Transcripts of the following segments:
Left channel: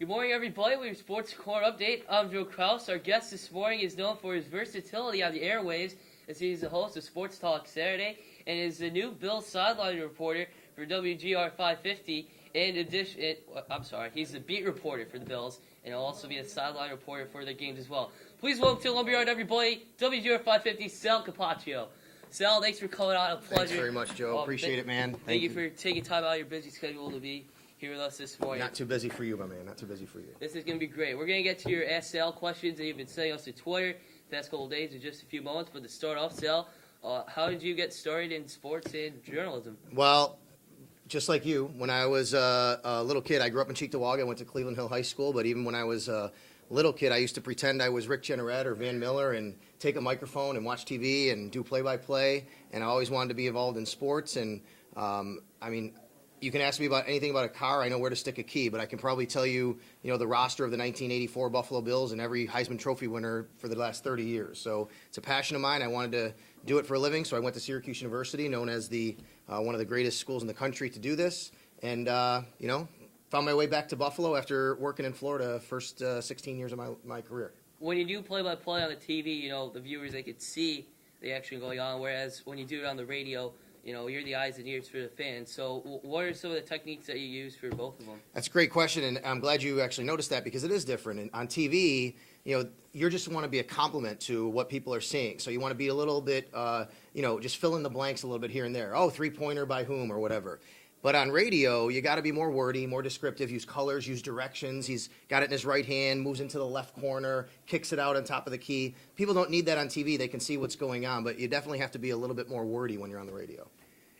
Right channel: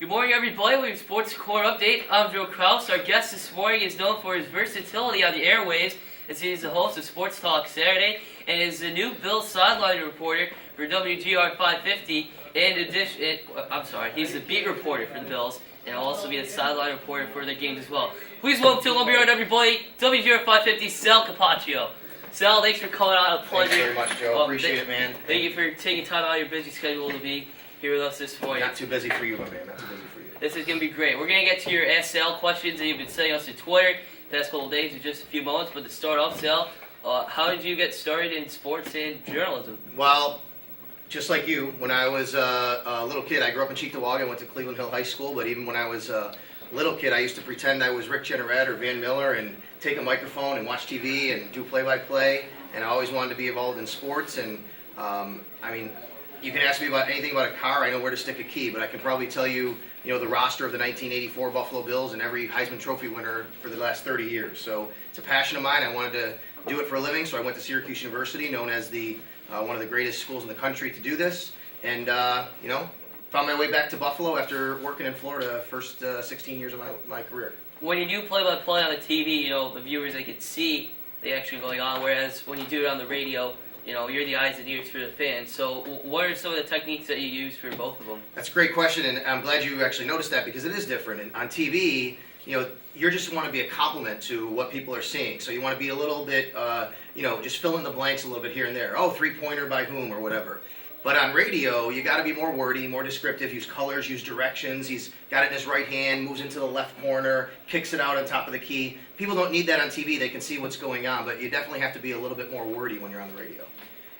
Good morning, everybody. We have Sports Corner Update. I'm Joe Kraus. Our guest this morning is known for his versatility on the airwaves, as he is the host of Sports Talk Saturday and is the new Bills sideline reporter for WGR 550. In addition, he's the beat reporter for the Bills and will also be the sideline reporter for their games as well. Please welcome to Lumberyard, everybody, WGR 550, Sal Capaccio. Sal, thanks for coming on. A pleasure. Thanks very much, Joe. Appreciate it, man. Thank you for taking time out of your busy schedule to be here with us this morning. Not too busy for you, my man. Not too busy for you. This is going to be great. We're going to get to your Ask Sal questions that you've been sending us to Twitter the past couple of days in just a few moments. But to start off, Sal, how did you get started in sports and journalism? Well, just like you, when I was a little kid, I grew up in Cheektowaga. I went to Cleveland Hill High School. But even when I was a little kid, I used to pretend I was Rick Jeanneret or Van Miller and take a microphone and watch TV and do play-by-play. And I always wanted to be involved in sports. And, you can ask me about anything about a car, I know where to stick a key, but I can probably tell you, the roster of the 1984 Buffalo Bills and every Heisman Trophy winner for the last 30 years. So it's a passion of mine. I wanted to do it for a living, so I went to Syracuse University, known as the one of the greatest schools in the country to do this. And, found my way back to Buffalo after working in Florida the first 16 years of my career. When you do play-by-play on the TV, the viewers, they can see the action going on, whereas when you do it on the radio, you're the eyes and ears for the fans. So what are some of the techniques that you use for both of them? That's a great question, and I'm glad you actually noticed that because it is different. And on TV, you just want to be a complement to what people are seeing. So you want to be a little bit, just fill in the blanks a little bit here and there. Oh, three-pointer by whom or whatever. But on radio, you got to be more wordy, more descriptive, use colors, use directions. He's got it in his right hand, moves into the left corner, kicks it out on top of the key. People don't need that on TV. They can see what's going on, but you definitely have to be a little bit more wordy when you're on the radio.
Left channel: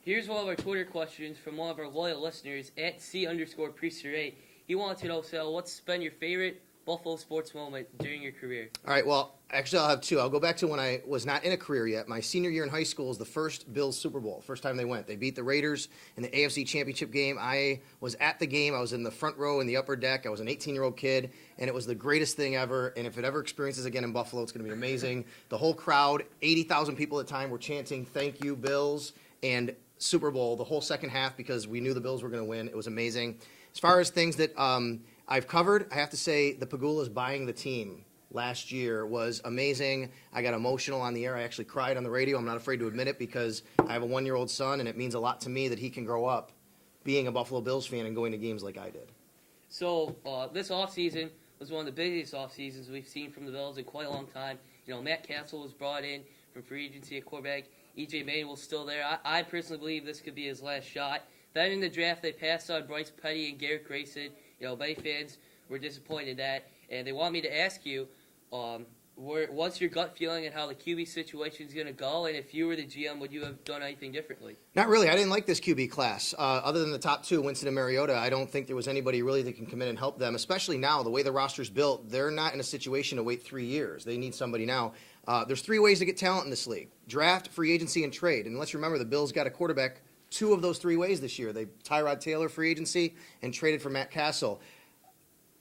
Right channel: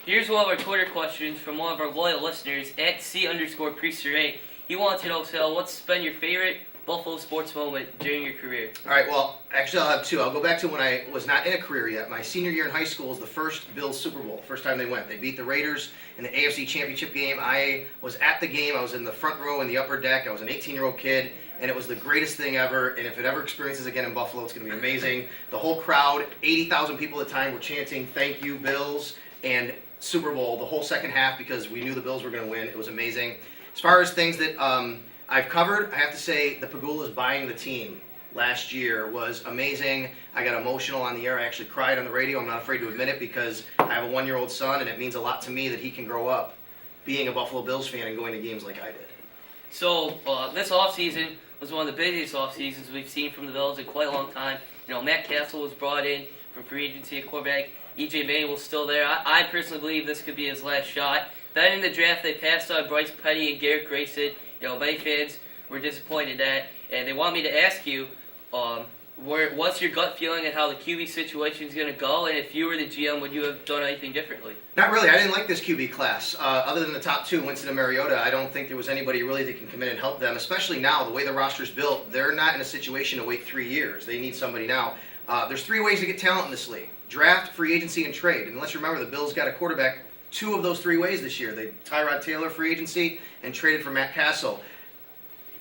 Here's one of our Twitter questions from one of our loyal listeners, at @C_Priester8. He wants to know, Sal, what's been your favorite Buffalo sports moment during your career? All right, well, actually I'll have two. I'll go back to when I was not in a career yet. My senior year in high school was the first Bills Super Bowl, first time they went. They beat the Raiders in the AFC Championship game. I was at the game. I was in the front row in the upper deck. I was an 18-year-old kid, and it was the greatest thing ever. And if it ever experiences again in Buffalo, it's going to be amazing. The whole crowd, 80,000 people at the time, were chanting, "Thank you, Bills," and Super Bowl the whole second half because we knew the Bills were going to win. It was amazing. As far as things that I've covered, I have to say the Pagulas buying the team last year was amazing. I got emotional on the air. I actually cried on the radio. I'm not afraid to admit it because I have a 1-year-old son, and it means a lot to me that he can grow up being a Buffalo Bills fan and going to games like I did. So this offseason was one of the busiest offseasons we've seen from the Bills in quite a long time. Matt Castle was brought in from free agency at quarterback. E.J. Manuel's still there. I personally believe this could be his last shot. Then in the draft, they passed on Bryce Petty and Garrett Grayson. Many fans were disappointed at, and they want me to ask you, what's your gut feeling on how the QB situation is going to go, and if you were the GM, would you have done anything differently? Not really. I didn't like this QB class. Other than the top two, Winston and Mariota, I don't think there was anybody really that can come in and help them, especially now, the way the roster's built. They're not in a situation to wait 3 years. They need somebody now. There's 3 ways to get talent in this league: draft, free agency, and trade. And let's remember, the Bills got a quarterback 2 of those 3 ways this year. They Tyrod Taylor, free agency, and traded for Matt Castle.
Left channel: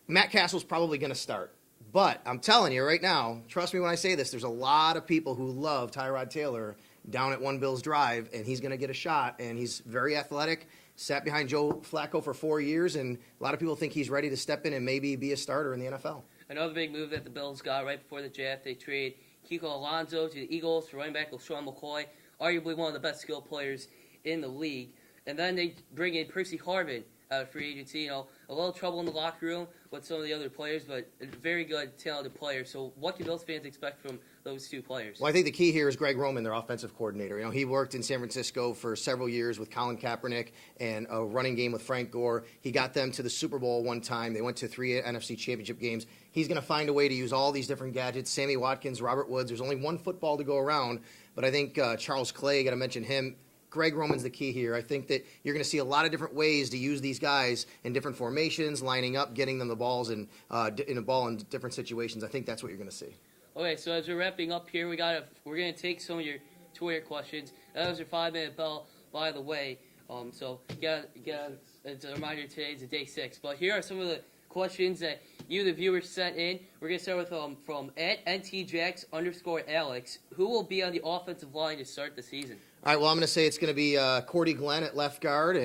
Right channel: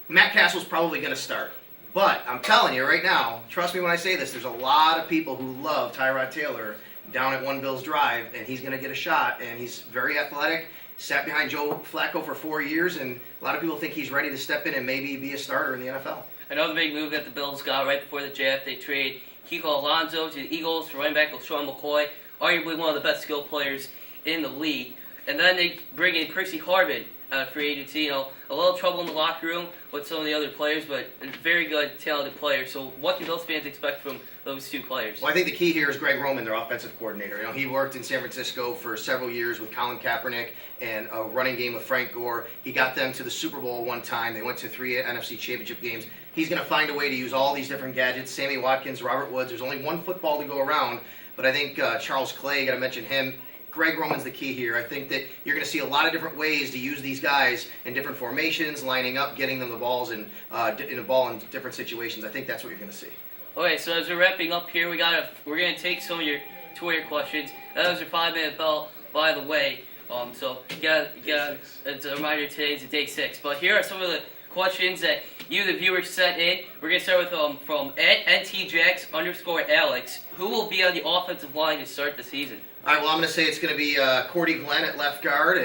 Matt Castle's probably going to start. But I'm telling you right now, trust me when I say this, there's a lot of people who love Tyrod Taylor down at One Bills Drive, and he's going to get a shot, and he's very athletic, sat behind Joe Flacco for 4 years, and a lot of people think he's ready to step in and maybe be a starter in the NFL. Another big move that the Bills got right before the draft, they trade Kiko Alonso to the Eagles for running back LaShawn McCoy, arguably one of the best skilled players in the league. And then they bring in Percy Harvin, free agency. A little trouble in the locker room with some of the other players, but a very good, talented player. So what can Bills fans expect from those 2 players? Well, I think the key here is Greg Roman, their offensive coordinator. He worked in San Francisco for several years with Colin Kaepernick and a running game with Frank Gore. He got them to the Super Bowl one time. They went to 3 NFC Championship games. He's going to find a way to use all these different gadgets. Sammy Watkins, Robert Woods. There's only one football to go around, but I think Charles Clay, got to mention him. Greg Roman's the key here. I think that you're going to see a lot of different ways to use these guys in different formations, lining up, getting them the balls in a ball in different situations. I think that's what you're going to see. Okay, so as we're wrapping up here, we're going to take some of your Twitter questions. That was your 5-minute bell, by the way. So it's a reminder, today's day 6. But here are some of the questions that you, the viewers, sent in. We're going to start with from @NTJax_Alex. Who will be on the offensive line to start the season? All right, well, I'm going to say it's going to be Cordy Glenn at left guard.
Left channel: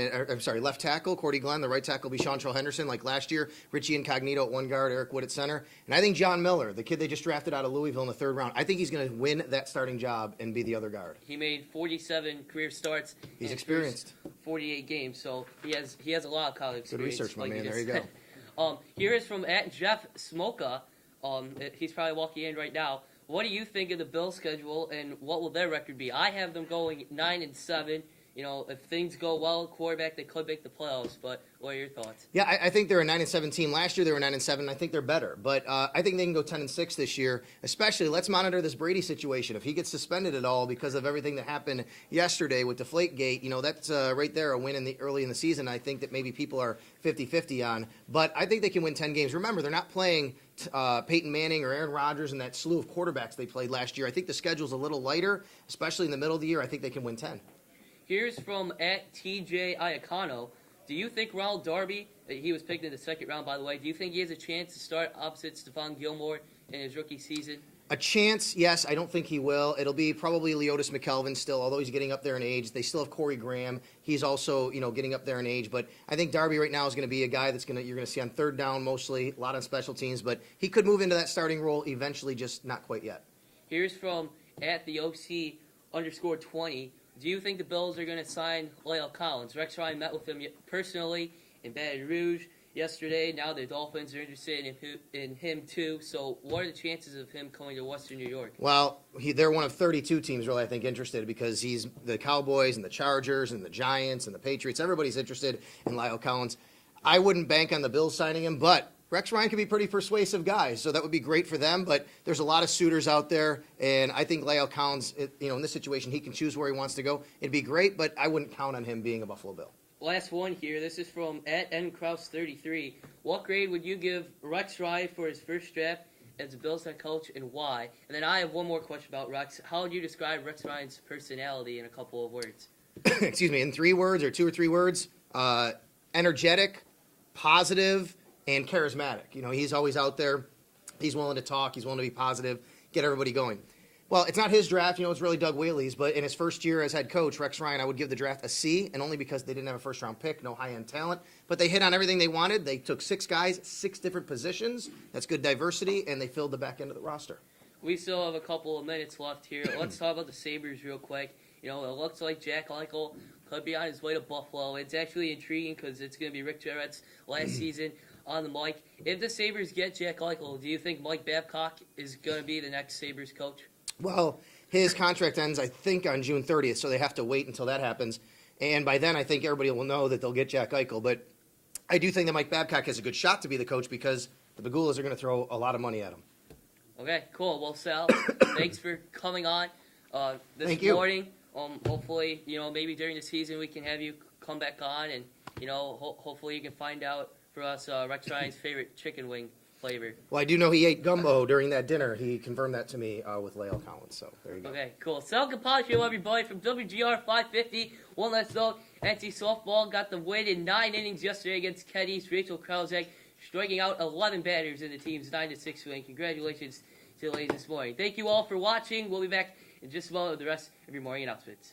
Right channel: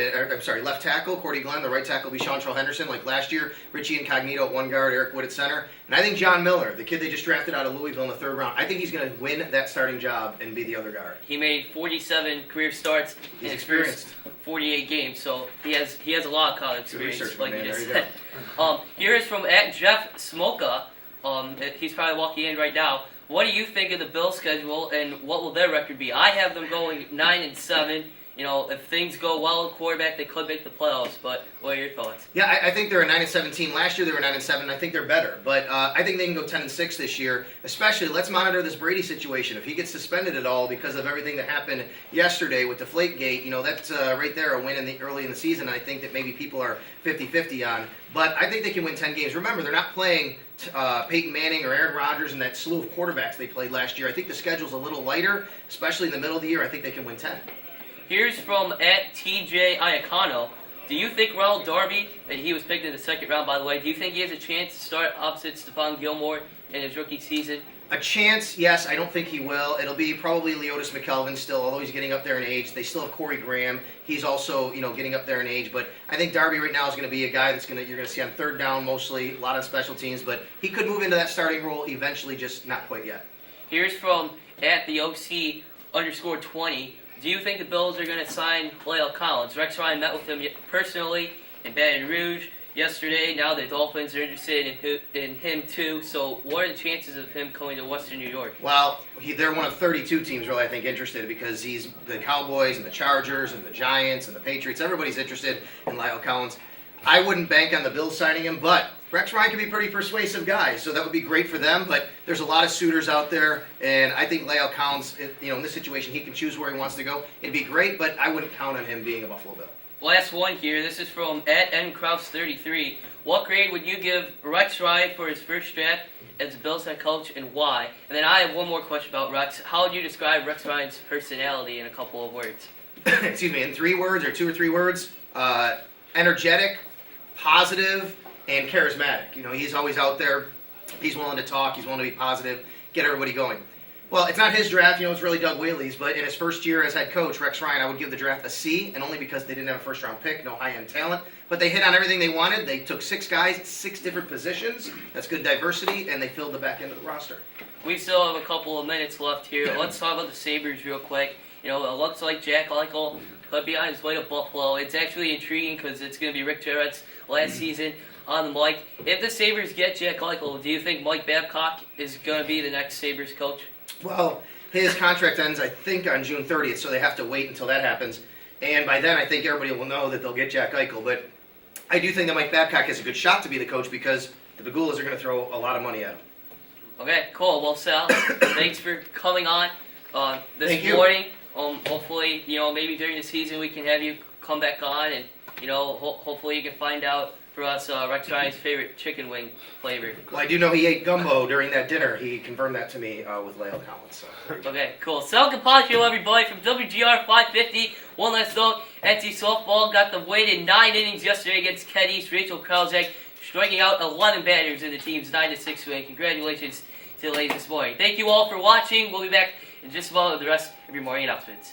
Left tackle, Cordy Glenn. The right tackle will be Seantrell Henderson, like last year. Richie Incognito at one guard, Eric Wood at center. And I think John Miller, the kid they just drafted out of Louisville in the 3rd round, I think he's going to win that starting job and be the other guard. He made 47 career starts He's in experienced. 48 games, so he has a lot of college Good experience. research, Like man. you There just you said. Here is from @Jeff Smoka. He's probably walking in right now. What do you think of the Bills' schedule, and what will their record be? I have them going 9-7. You know, if things go well at quarterback, they could make the playoffs. But what are your thoughts? Yeah, I think they're a 9-7 team. Last year they were 9-7. I think they're better, but I think they can go 10-6 this year. Especially, let's monitor this Brady situation. If he gets suspended at all because of everything that happened yesterday with Deflategate, you know, that's right there a win early in the season. I think that maybe people are 50-50 on, but I think they can win 10 games. Remember, they're not playing Peyton Manning or Aaron Rodgers and that slew of quarterbacks they played last year. I think the schedule's a little lighter, especially in the middle of the year. I think they can win 10. Here's from @TJ Iacano. Do you think Ronald Darby, and he was picked in the 2nd round, by the way, do you think he has a chance to start opposite Stephon Gilmore in his rookie season? A chance, yes. I don't think he will. It'll be probably Leotis McKelvin still, although he's getting up there in age. They still have Corey Graham. He's also, you know, getting up there in age. But I think Darby right now is going to be a guy you're going to see on 3rd down mostly, a lot of special teams. But he could move into that starting role eventually, just not quite yet. Here's from @TheOC_20. Do you think the Bills are going to sign La'el Collins? Rex Ryan met with him personally in Baton Rouge yesterday. Now the Dolphins are interested in him too. So what are the chances of him coming to Western New York? Well, they're one of 32 teams really, I think, interested because he's the Cowboys and the Chargers and the Giants and the Patriots. Everybody's interested in La'el Collins. I wouldn't bank on the Bills signing him, but Rex Ryan can be a pretty persuasive guy, so that would be great for them. But there's a lot of suitors out there, and I think La'el Collins, in this situation, he can choose where he wants to go. It'd be great, but I wouldn't count on him being a Buffalo Bill. Last one here. This is from @NKraus33. What grade would you give Rex Ryan for his first draft as a Bills head coach, and why? And then I have one more question about Rex. How would you describe Rex Ryan's personality in a couple of words? Excuse me, in 3 words or 2 or 3 words, energetic, positive, and charismatic. You know, he's always out there. He's willing to talk. He's willing to be positive, get everybody going. Well, it's not his draft. You know, it's really Doug Whaley's. But in his first year as head coach, Rex Ryan, I would give the draft a C, and only because they didn't have a first-round pick, no high-end talent. But they hit on everything they wanted. They took 6 guys, 6 different positions. That's good diversity, and they filled the back end of the roster. We still have a couple of minutes left here. Let's talk about the Sabres real quick. You know, it looks like Jack Eichel could be on his way to Buffalo. It's actually intriguing because it's going to be Rick Jarrett's last season on the mic. If the Sabres get Jack Eichel, do you think Mike Babcock is going to be the next Sabres coach? Well, his contract ends, I think, on June 30th, so they have to wait until that happens. And by then, I think everybody will know that they'll get Jack Eichel. But I do think that Mike Babcock has a good shot to be the coach because the Pagulas are going to throw a lot of money at him. Okay, cool. Well, Sal, thanks for coming on this Thank you. morning. Hopefully, you know, maybe during the season we can have you come back on, and you know, hopefully you can find out for us Rex Ryan's favorite chicken wing flavor. Well, I do know he ate gumbo during that dinner. He confirmed that to me with La'el Collins. So Okay, cool. Sal Capaccio, everybody, from WGR 550. One last note, NC softball got the win in 9 innings yesterday against Kent East. Rachel Kraus striking out 11 batters in the team's 9-6 win. Congratulations to the ladies this morning. Thank you all for watching. We'll be back in just a moment with the rest of your morning announcements.